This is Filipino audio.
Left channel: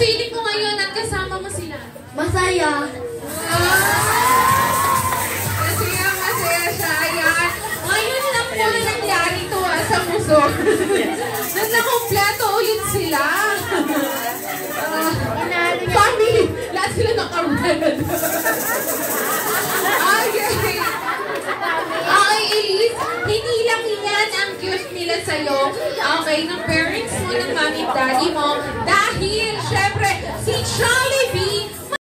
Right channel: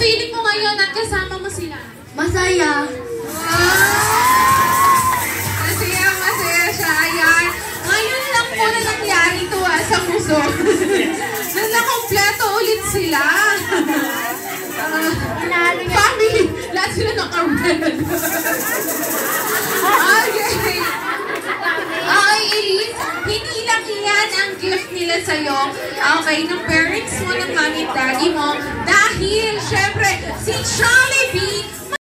feeling mo ngayon at kasama mo sila? Masaya. Masaya siya. Ayan. Ngayon lang po na nangyari ito sa puso. Na nakompleto ulit sila. Family. Lahat sila naka-red. Okay. Okay, Elise. Hindi lang yan ang gift nila sa'yo. Okay, ng parents mo, ng mami at daddy mo. Dahil, syempre, si Chai